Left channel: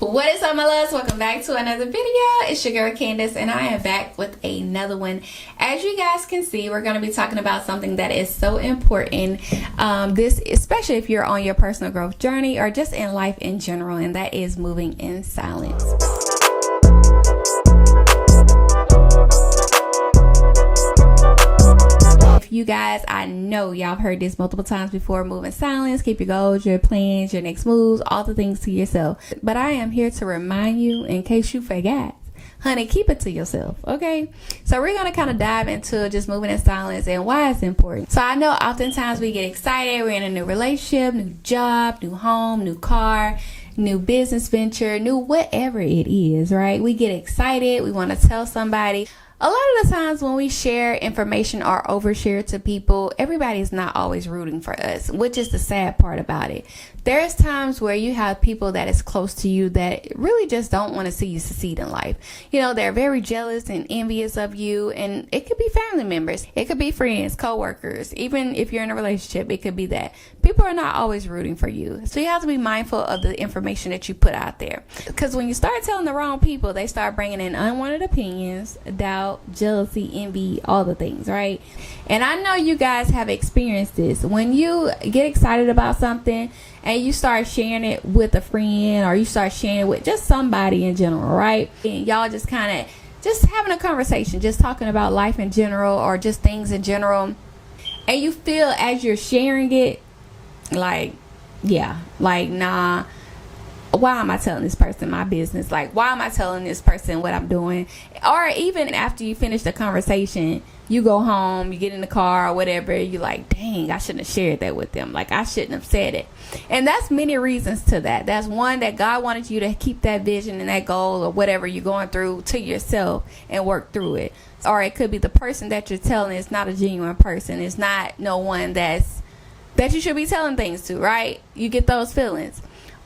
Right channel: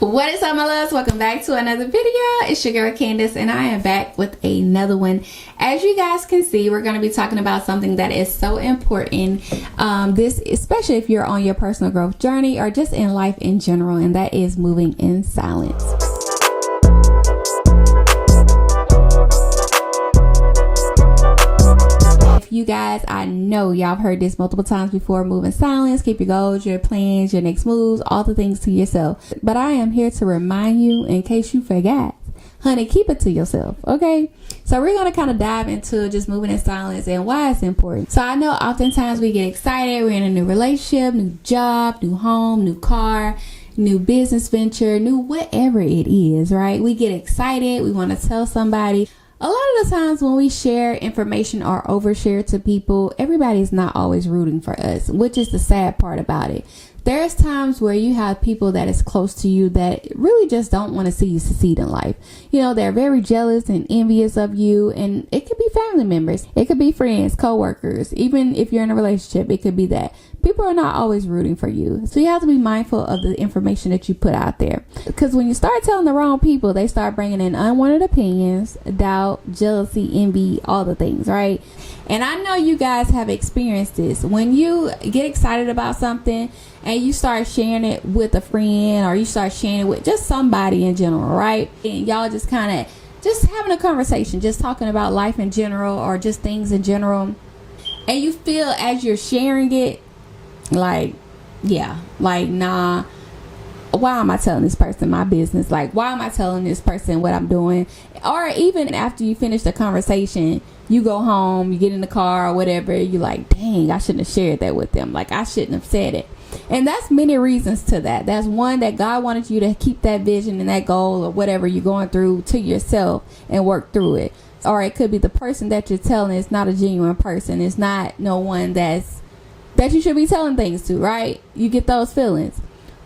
What is up, my loves? Welcome back to another video. It's your girl Candace, and I am back with another one. As you guys can see, we're going to be talking about something that is so important, this especially if you're on your personal growth journey or just in life in general, and that is moving in silence. You guys, I know y'all have heard this multiple times before. Move in silence, keep your goals, your plans, your next moves, all the things to yourself. But I am here to remind you, in case you forgot, honey, keep it to yourself, okay? So we're going to kind of dive into just moving in silence and why it's important. So I know oftentimes we get excited. We're in a new relationship, new job, new home, new car, new business venture, new whatever it is, right? We get excited. We want to tell somebody. A lot of the times when we share information or overshare to people, everybody is not always rooting for us, which is the sad part about it. There's times where you have people that is close to you that really just don't want to see you succeed in life. You know, they're very jealous and envious of you, and it could be family members. It could be friends, co-workers. Even if you're in a relationship, it could be that. People are not always rooting for you. So you have to be mindful of the information that you put out there. Because when you start telling the wrong people, they start bringing in unwanted opinions, doubt, jealousy, envy, all the things, right? And I know you guys have experienced this. When you get excited about something and you start sharing it with a friend, or you start sharing it with just somebody in general, right? And y'all just kind of just having a conversation, just talking about life in general or just things in general. And you feel as you're sharing it, like, nah, why am I telling this person my business? Like, why am I telling this person what I'm doing? Or even after you finish the conversation, you go home, you get in the car or whatever, you're like, dang, I shouldn't have shared that with them. Like, I shouldn't have said it. And that's many reasons to that. That's one, that God wanted you to keep that vision and that goal or whatever you're going through to yourself and work through it. Or it could be the person that you're telling is not a genuine person. It's not no one that you should be telling things to, right? You get those feelings.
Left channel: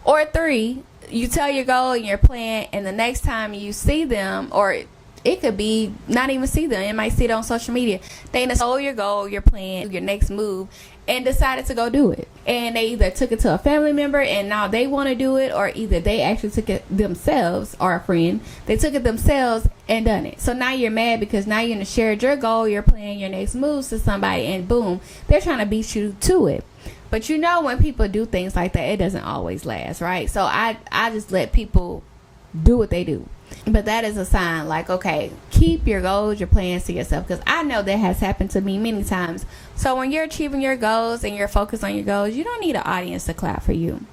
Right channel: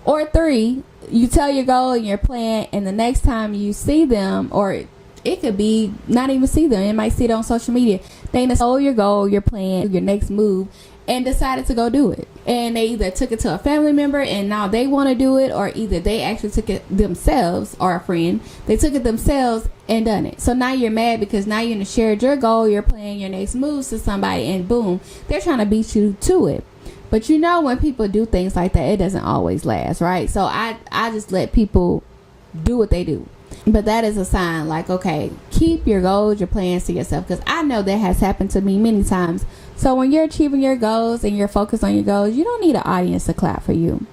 Or 3, you tell your goal and your plan, and the next time you see them, or it could be not even see them, you might see it on social media, they stole your goal, your plan, your next move, and decided to go do it. And they either took it to a family member and now they want to do it, or either they actually took it themselves, or a friend, they took it themselves and done it. So now you're mad because now you're going to share your goal, your plan, your next moves to somebody, and boom, they're trying to beat you to it. But you know, when people do things like that, it doesn't always last, right? So I just let people do what they do. But that is a sign, like, okay, keep your goals, your plans to yourself, because I know that has happened to me many times. So when you're achieving your goals and you're focused on your goals, you don't need an audience to clap for you.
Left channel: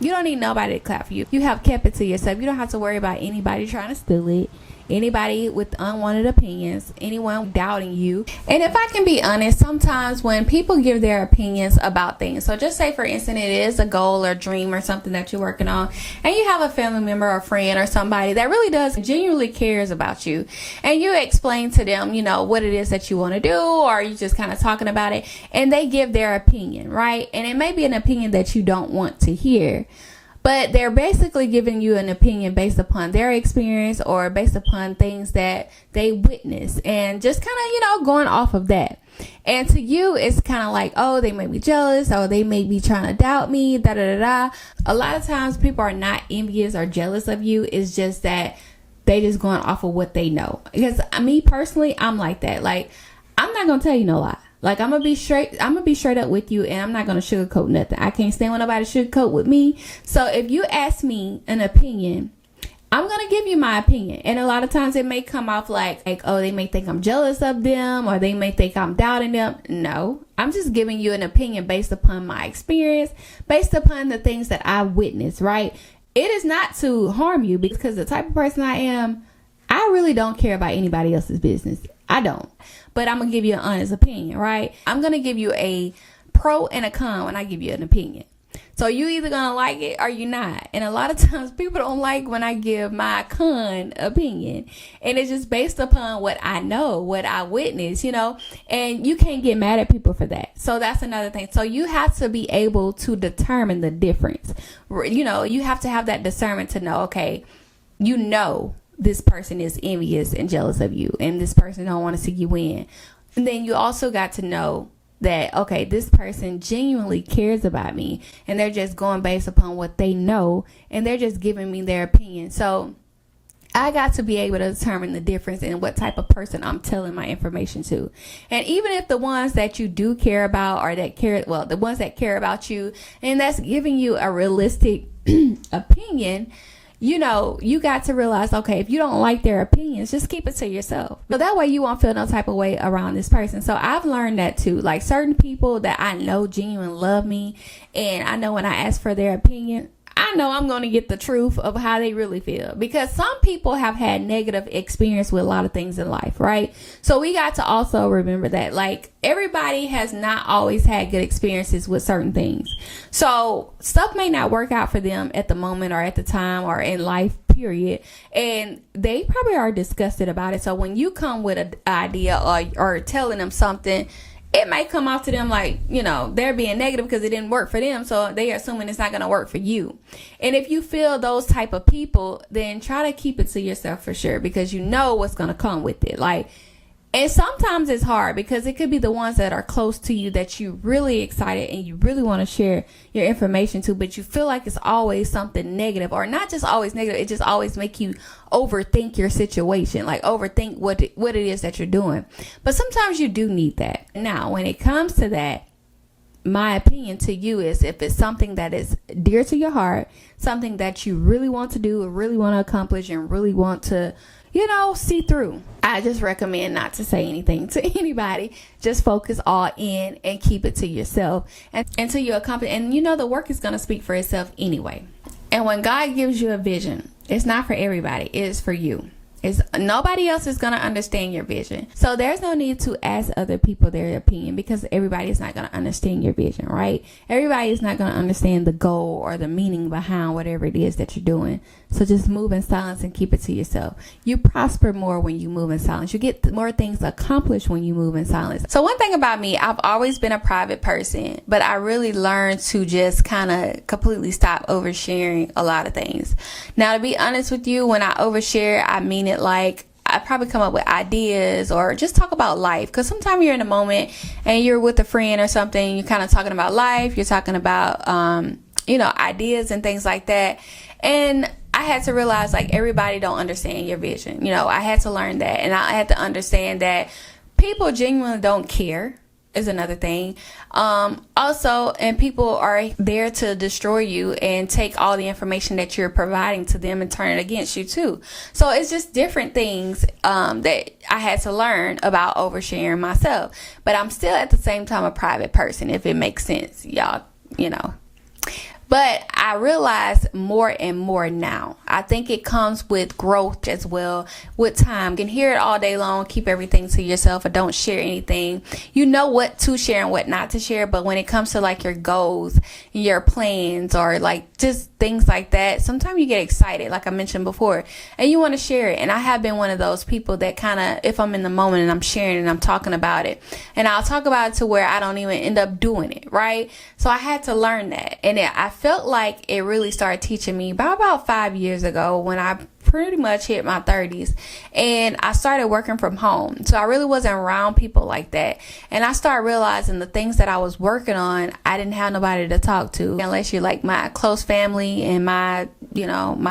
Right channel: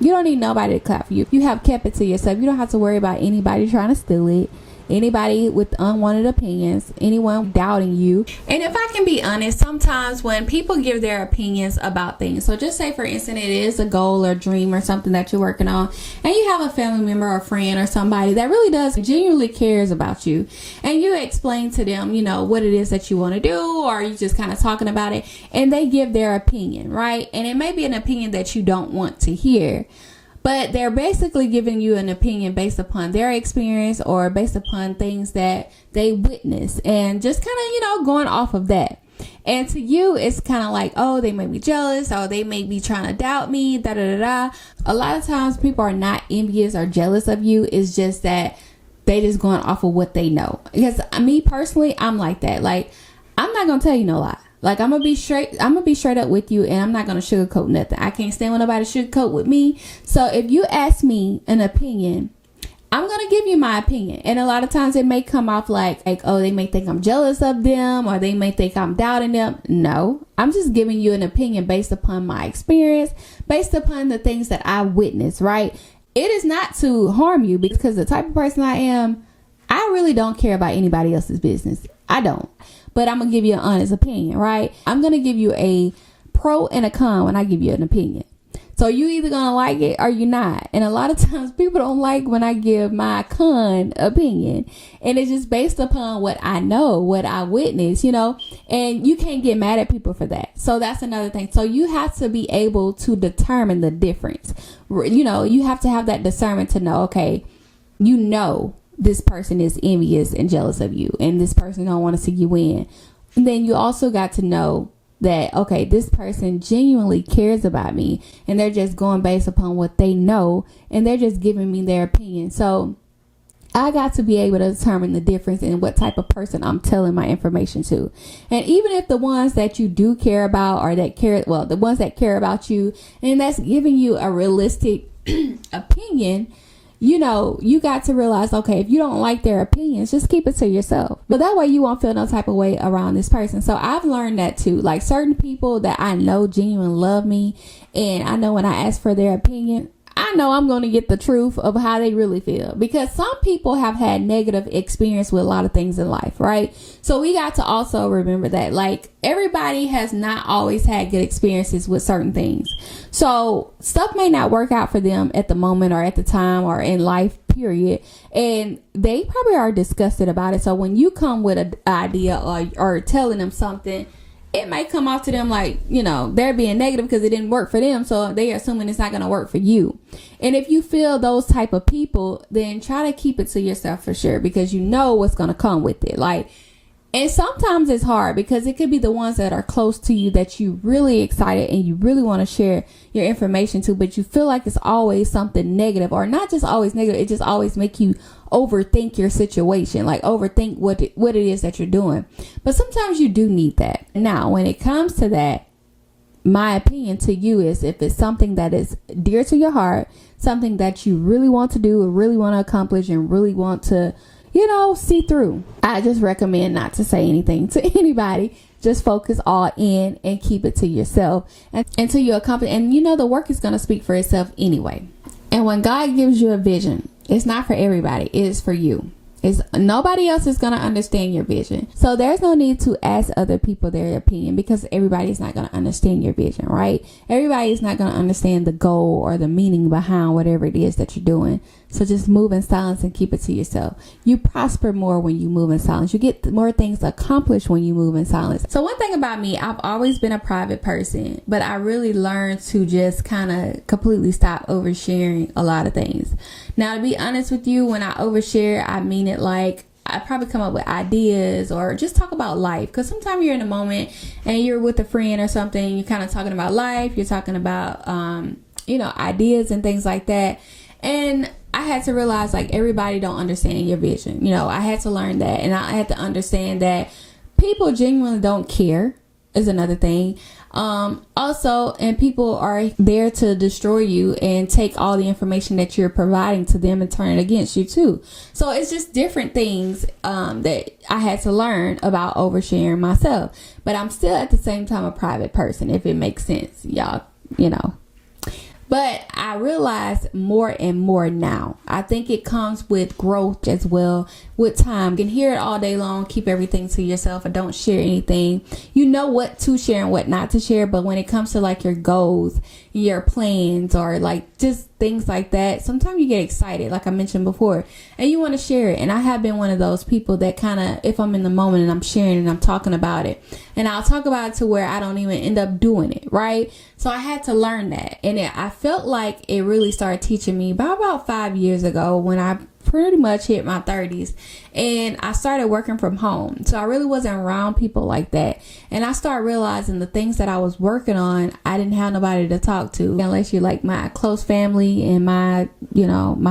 You don't need nobody to clap for you. You have kept it to yourself. You don't have to worry about anybody trying to steal it, anybody with unwanted opinions, anyone doubting you. And if I can be honest, sometimes when people give their opinions about things, so just say for instance it is a goal or dream or something that you're working on, and you have a family member or friend or somebody that really does genuinely cares about you, and you explain to them, you know, what it is that you want to do, or you just kind of talking about it, and they give their opinion, right? And it may be an opinion that you don't want to hear, but they're basically giving you an opinion based upon their experience or based upon things that they witness, and just kind of, you know, going off of that. And to you, it's kind of like, oh, they may be jealous, or they may be trying to doubt me, da da da da. A lot of times people are not envious or jealous of you. It's just that they just going off of what they know. Because me personally, I'm like that. Like, I'm not going to tell you no lie. Like, I'm going to be straight up with you, and I'm not going to sugarcoat nothing. I can't stand when nobody sugarcoat with me. So if you ask me an opinion, I'm going to give you my opinion. And a lot of times it may come off like, oh, they may think I'm jealous of them, or they may think I'm doubting them. No, I'm just giving you an opinion based upon my experience, based upon the things that I witnessed, right? It is not to harm you, because the type of person I am, I really don't care about anybody else's business. I don't. But I'm going to give you an honest opinion, right? I'm going to give you a pro and a con when I give you an opinion. So you either going to like it or you're not. And a lot of times people don't like when I give my con opinion. And it's just based upon what I know, what I witnessed, you know. And you can't get mad at people for that. So that's another thing. So you have to be able to determine the difference. You know, you have to have that discernment to know, okay, you know, this person is envious and jealous of you, and this person don't want to see you win. And then you also got to know that, okay, this person genuinely cares about me, and they're just going based upon what they know, and they're just giving me their opinion. So I got to be able to determine the difference in what type of person I'm telling my information to. And even if the ones that you do care about, or the ones that care about you and that's giving you a realistic opinion, you got to realize, okay, if you don't like their opinions, just keep it to yourself. But that way you won't feel no type of way around this person. So I've learned that too. Like, certain people that I know genuinely love me, and I know when I ask for their opinion, I know I'm going to get the truth of how they really feel, because some people have had negative experience with a lot of things in life, right? So we got to also remember that, like, everybody has not always had good experiences with certain things. So stuff may not work out for them at the moment or at the time or in life, period. And they probably are disgusted about it. So when you come with an idea or telling them something, it might come off to them like, they're being negative because it didn't work for them. So they're assuming it's not going to work for you. And if you feel those type of people, then try to keep it to yourself for sure, because you know what's going to come with it. And sometimes it's hard, because it could be the ones that are close to you that you really excited and you really want to share your information to, but you feel like it's always something negative, or not just always negative. It just always make you overthink your situation, like overthink what it is that you're doing. But sometimes you do need that. Now, when it comes to that, my opinion to you is, if it's something that is dear to your heart, something that you really want to do or really want to accomplish and really want to, see through, I just recommend not to say anything to anybody. Just focus all in and keep it to yourself until you accomplish. And the work is going to speak for itself anyway. And when God gives you a vision, it's not for everybody. It is for you. Nobody else is going to understand your vision. So there's no need to ask other people their opinion, because everybody is not going to understand your vision, right? Everybody is not going to understand the goal or the meaning behind whatever it is that you're doing. So just move in silence and keep it to yourself. You prosper more when you move in silence. You get more things accomplished when you move in silence. So one thing about me, I've always been a private person, but I really learned to just kind of completely stop oversharing a lot of things. Now, to be honest with you, when I overshare, I mean it like I probably come up with ideas or just talk about life, because sometimes you're in a moment and you're with a friend or something, you're kind of talking about life, you're talking about ideas and things like that. And I had to realize, like, everybody don't understand your vision. I had to learn that, and I had to understand that people genuinely don't care is another thing. Also, and people are there to destroy you and take all the information that you're providing to them and turn it against you too. So it's just different things that I had to learn about oversharing myself. But I'm still at the same time a private person, if it makes sense, y'all, But I realize more and more now. I think it comes with growth as well, with time. You can hear it all day long. Keep everything to yourself, or don't share anything. You know what to share and what not to share. But when it comes to like your goals, your plans, or like just things like that, sometimes you get excited, like I mentioned before, and you want to share it. And I have been one of those people that kind of, if I'm in the moment and I'm sharing and I'm talking about it, and I'll talk about it to where I don't even end up doing it, right? So I had to learn that. And I felt like it really started teaching me about 5 years ago, when I pretty much hit my 30s and I started working from home. So I really wasn't around people like that. And I started realizing the things that I was working on, I didn't have nobody to talk to, unless you're like my close family and my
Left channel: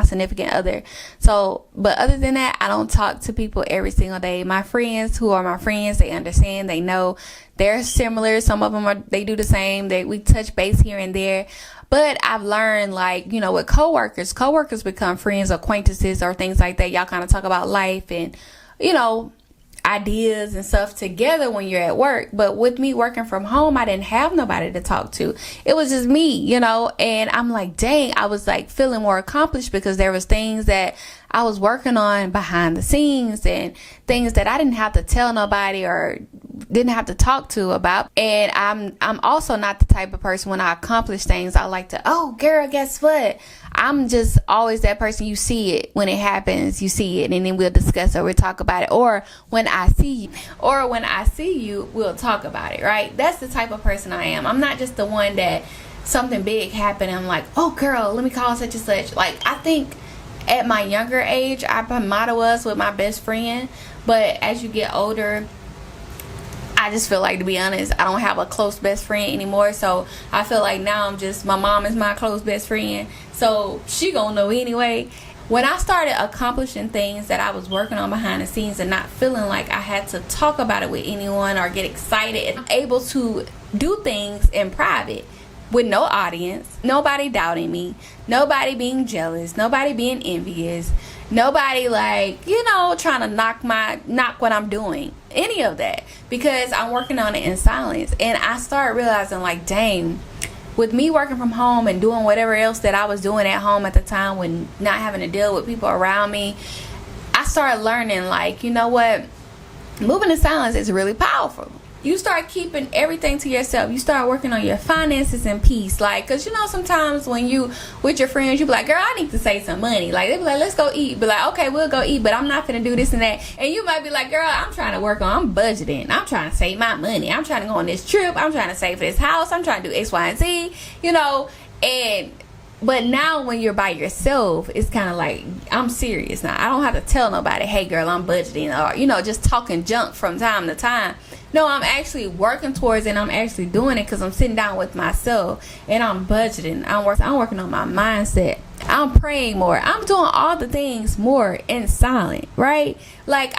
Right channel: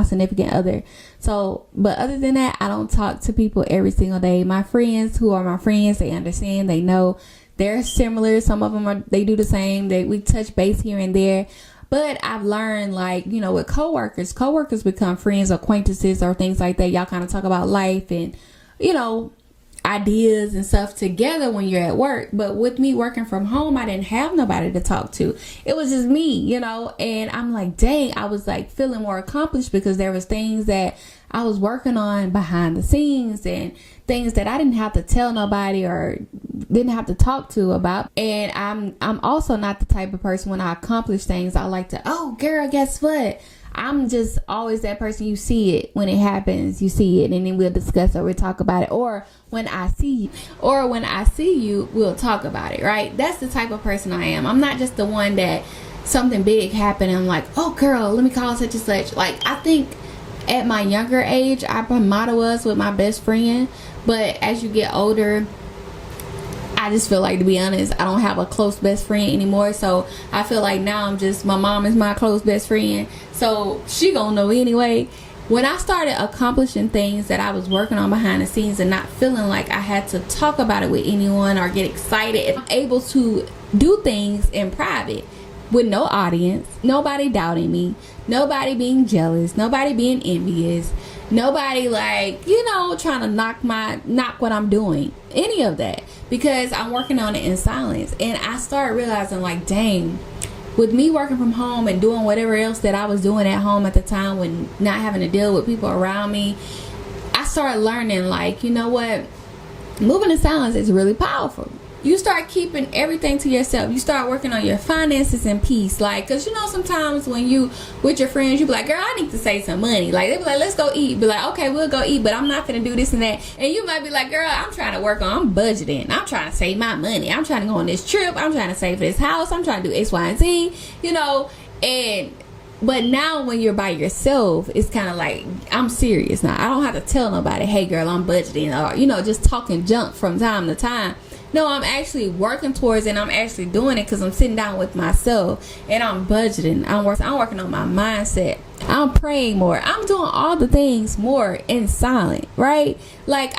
significant other. So, but other than that, I don't talk to people every single day. My friends who are my friends, they understand, they know they're similar. Some of them they do the same. We touch base here and there. But I've learned, like, with coworkers become friends, acquaintances, or things like that. Y'all kind of talk about life and, ideas and stuff together when you're at work. But with me working from home, I didn't have nobody to talk to. It was just me, and I'm like, dang, I was like feeling more accomplished, because there was things that I was working on behind the scenes and things that I didn't have to tell nobody or didn't have to talk to about. And I'm also not the type of person, when I accomplish things, I like to, oh girl, guess what? I'm just always that person. You see it when it happens, you see it, and then we'll discuss it, we'll talk about it. Or when I see you, we'll talk about it, right? That's the type of person I am. I'm not just the one that something big happened and I'm like, oh girl, let me call such and such. Like, I think at my younger age, I might have was with my best friend, but as you get older, I just feel like, to be honest, I don't have a close best friend anymore. So I feel like now my mom is my close best friend, so she gonna know anyway. When I started accomplishing things that I was working on behind the scenes and not feeling like I had to talk about it with anyone or get excited, I'm able to do things in private with no audience, nobody doubting me, nobody being jealous, nobody being envious, nobody trying to knock what I'm doing, any of that, because I'm working on it in silence. And I started realizing, like, dang, with me working from home and doing whatever else that I was doing at home at the time, when not having to deal with people around me, I started learning, like, you know what, moving in silence is really powerful. You start keeping everything to yourself. You start working on your finances in peace. Like, because sometimes when you with your friends, you be like, girl, I need to save some money. Like, they be like, let's go eat. Be like, okay, we'll go eat, but I'm not gonna do this and that. And you might be like, girl, I'm trying to I'm budgeting, I'm trying to save my money, I'm trying to go on this trip, I'm trying to save for this house, I'm trying to do X, Y, and Z, but now when you're by yourself, it's kind of like, I'm serious now. I don't have to tell nobody, hey girl, I'm budgeting, or just talking junk from time to time. No, I'm actually working towards it, and I'm actually doing it because I'm sitting down with myself and I'm budgeting. I'm working on my mindset. I'm praying more. I'm doing all the things more in silent, right? Like,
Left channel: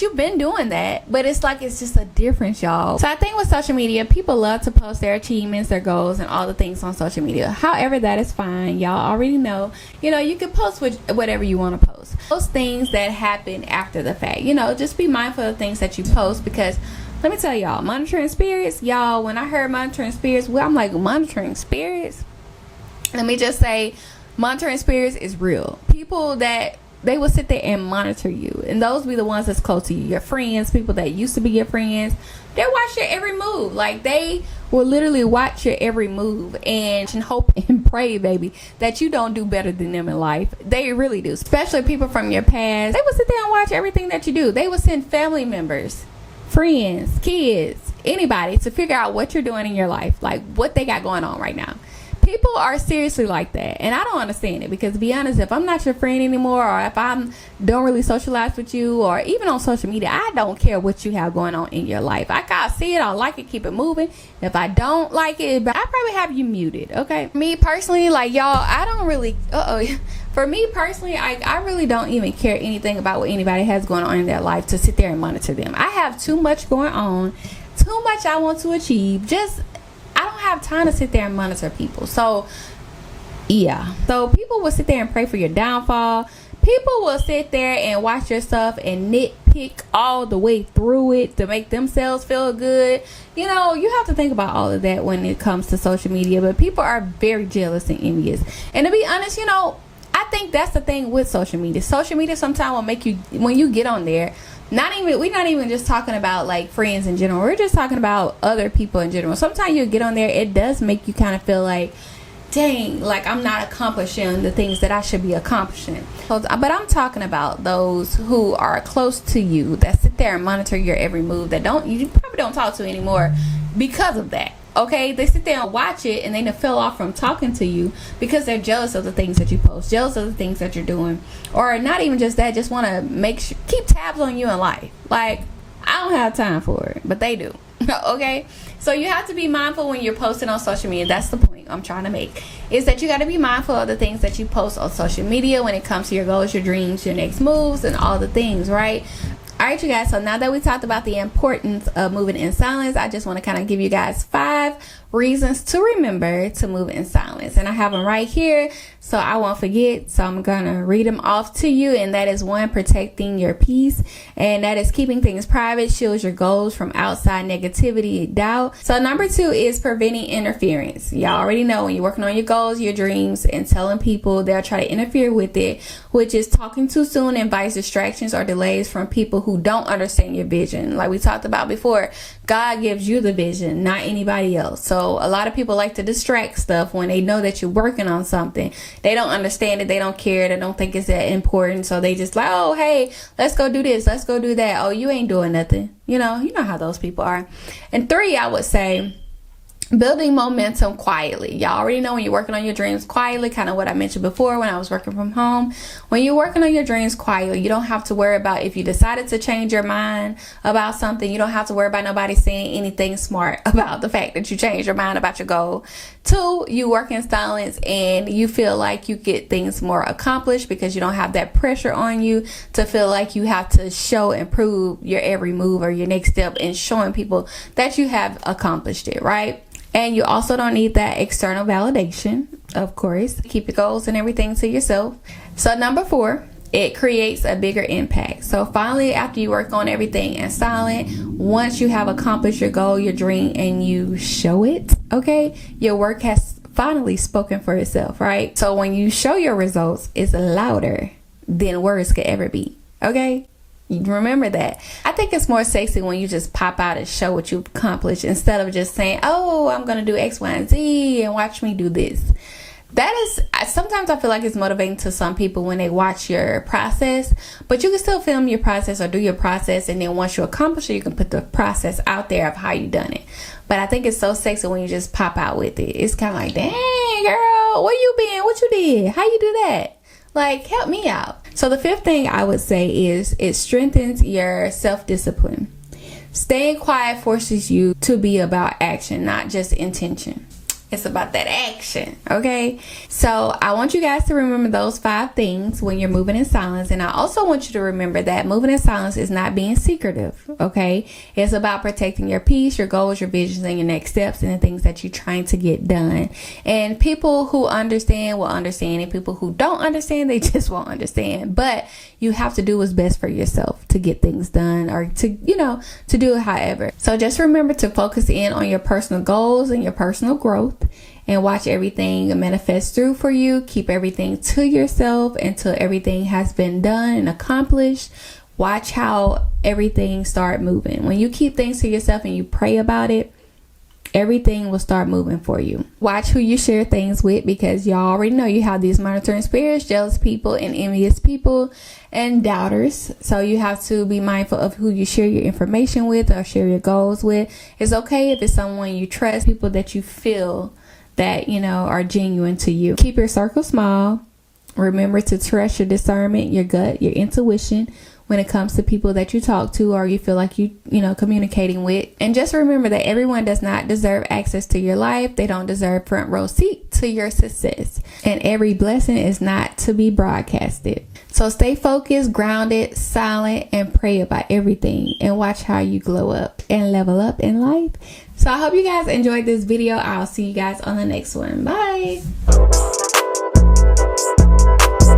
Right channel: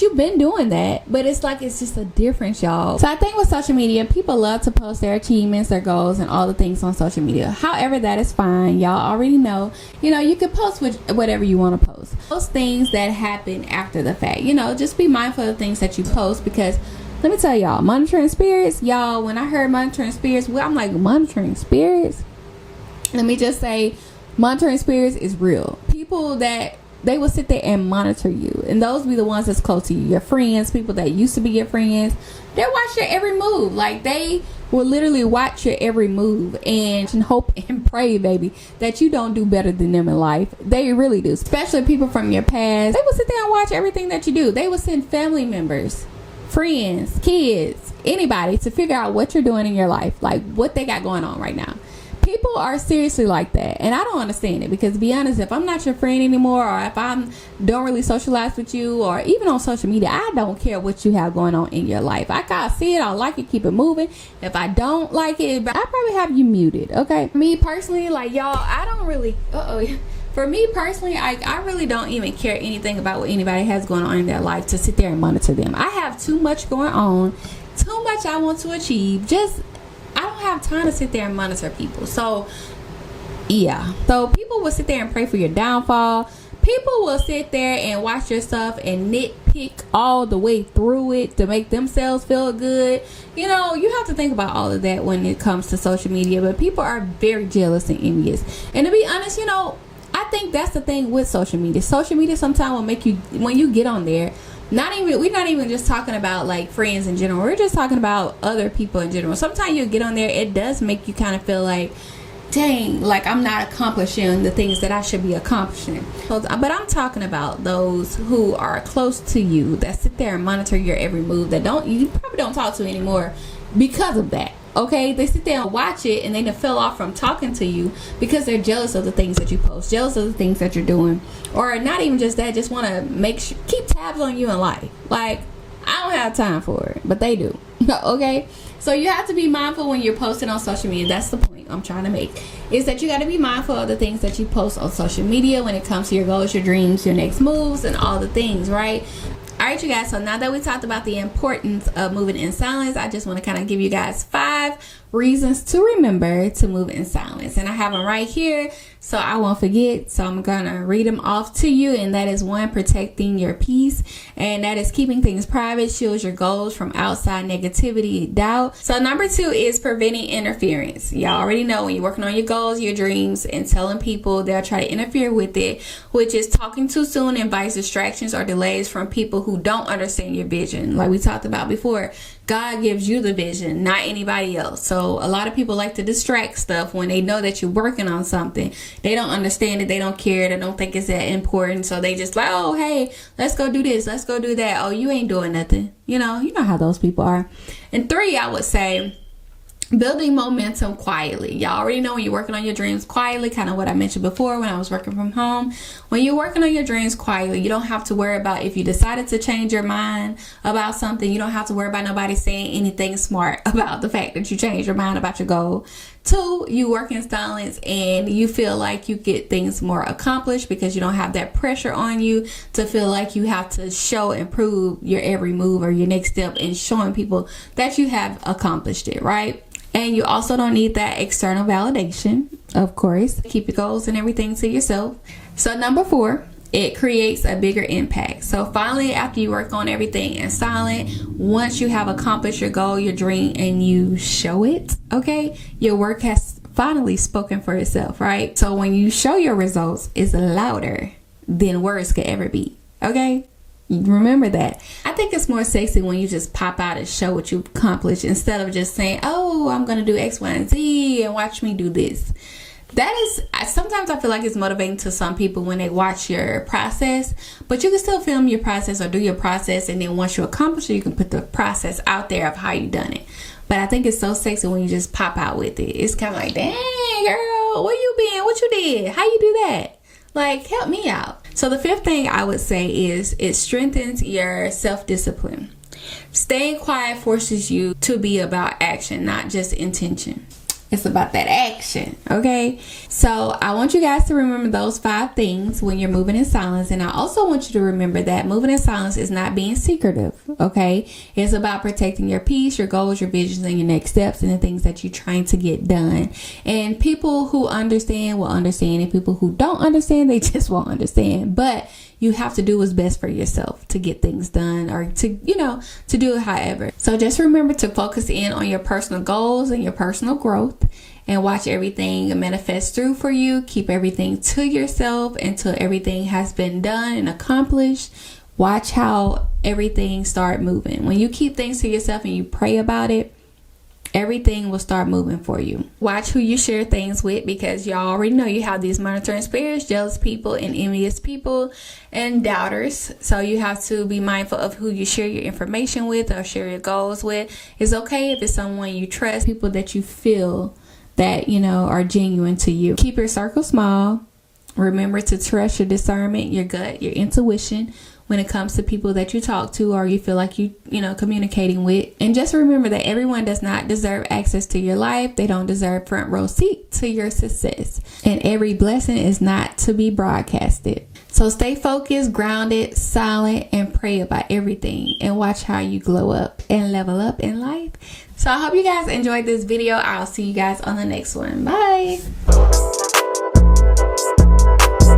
you've been doing that, but it's just a difference, y'all. So I think with social media, people love to post their achievements, their goals, and all the things on social media. However, that is fine. Y'all already know, you can post whatever you want to post. Those things that happen after the fact, just be mindful of things that you post, because let me tell y'all, monitoring spirits, y'all, when I heard monitoring spirits, I'm like, monitoring spirits? Let me just say, monitoring spirits is real. People that they will sit there and monitor you, and those be the ones that's close to you, your friends, people that used to be your friends. They watch your every move. Like, they will literally watch your every move and hope and pray, baby, that you don't do better than them in life. They really do. Especially people from your past. They will sit there and watch everything that you do. They will send family members, friends, kids, anybody to figure out what you're doing in your life, like what they got going on right now. People are seriously like that, and I don't understand it, because, to be honest, if I'm not your friend anymore, or if I don't really socialize with you, or even on social media, I don't care what you have going on in your life. I gotta see it, I like it, keep it moving. If I don't like it, I probably have you muted. Okay, me personally, like, y'all, I don't really for me personally, I really don't even care anything about what anybody has going on in their life to sit there and monitor them. I have too much going on, too much I want to achieve. I don't have time to sit there and monitor people. So yeah, so people will sit there and pray for your downfall. People will sit there and watch your stuff and nitpick all the way through it to make themselves feel good. You have to think about all of that when it comes to social media. But people are very jealous and envious. And to be honest, I think that's the thing with social media. Social media sometimes will make you, when you get on there, we're not even just talking about like friends in general. We're just talking about other people in general. Sometimes you get on there, it does make you kind of feel like, dang, like I'm not accomplishing the things that I should be accomplishing. But I'm talking about those who are close to you, that sit there and monitor your every move, that you probably don't talk to anymore because of that. Okay, they sit there and watch it, and they fell off from talking to you because they're jealous of the things that you post, jealous of the things that you're doing, or not even just that, just want to keep tabs on you in life. Like, I don't have time for it, but they do. Okay, so you have to be mindful when you're posting on social media. That's the point I'm trying to make, is that you got to be mindful of the things that you post on social media when it comes to your goals, your dreams, your next moves, and all the things, right? Alright, you guys, so now that we talked about the importance of moving in silence, I just want to kind of give you guys 5 reasons to remember to move in silence. And I have them right here, so I won't forget. So I'm going to read them off to you. And that is 1, protecting your peace. And that is keeping things private, shields your goals from outside negativity, doubt. So number 2 is preventing interference. Y'all already know, when you're working on your goals, your dreams, and telling people, they'll try to interfere with it, which is talking too soon invites distractions or delays from people who don't understand your vision. Like we talked about before, God gives you the vision, not anybody else. So a lot of people like to distract stuff when they know that you're working on something. They don't understand it. They don't care. They don't think it's that important. So they just like, oh, hey, let's go do this. Let's go do that. Oh, you ain't doing nothing. You know how those people are. And 3, I would say, building momentum quietly. Y'all already know when you're working on your dreams quietly, kind of what I mentioned before when I was working from home. When you're working on your dreams quietly, you don't have to worry about if you decided to change your mind about something. You don't have to worry about nobody saying anything smart about the fact that you changed your mind about your goal. 2, you work in silence and you feel like you get things more accomplished because you don't have that pressure on you to feel like you have to show and prove your every move or your next step and showing people that you have accomplished it, right? And you also don't need that external validation, of course. Keep your goals and everything to yourself. So number 4, it creates a bigger impact. So finally, after you work on everything in silence, once you have accomplished your goal, your dream, and you show it, okay, your work has finally spoken for itself, right? So when you show your results, it's louder than words could ever be, okay? Remember that. I think it's more sexy when you just pop out and show what you've accomplished instead of just saying, oh, I'm going to do X, Y, and Z and watch me do this. That is, sometimes I feel like it's motivating to some people when they watch your process, but you can still film your process or do your process, and then once you accomplish it, you can put the process out there of how you done it. But I think it's so sexy when you just pop out with it. It's kind of like, dang, girl, where you been? What you did? How you do that? Like, help me out. So the 5th thing I would say is it strengthens your self-discipline. Staying quiet forces you to be about action, not just intention. It's about that action, okay? So I want you guys to remember those 5 things when you're moving in silence. And I also want you to remember that moving in silence is not being secretive, okay? It's about protecting your peace, your goals, your visions, and your next steps, and the things that you're trying to get done. And people who understand will understand, and people who don't understand, they just won't understand. But you have to do what's best for yourself to get things done, or to, to do it however. So just remember to focus in on your personal goals and your personal growth, and watch everything manifest through for you. Keep everything to yourself until everything has been done and accomplished. Watch how everything start moving. When you keep things to yourself and you pray about it, everything will start moving for you. Watch who you share things with, because y'all already know you have these monitoring spirits, jealous people and envious people and doubters. So you have to be mindful of who you share your information with or share your goals with. It's okay if it's someone you trust, people that you feel that, are genuine to you. Keep your circle small. Remember to trust your discernment, your gut, your intuition when it comes to people that you talk to or you feel like you communicating with. And just remember that everyone does not deserve access to your life. They don't deserve front row seat to your success. And every blessing is not to be broadcasted. So stay focused, grounded, silent, and pray about everything, and watch how you glow up and level up in life. So I hope you guys enjoyed this video. I'll see you guys on the next one. Bye.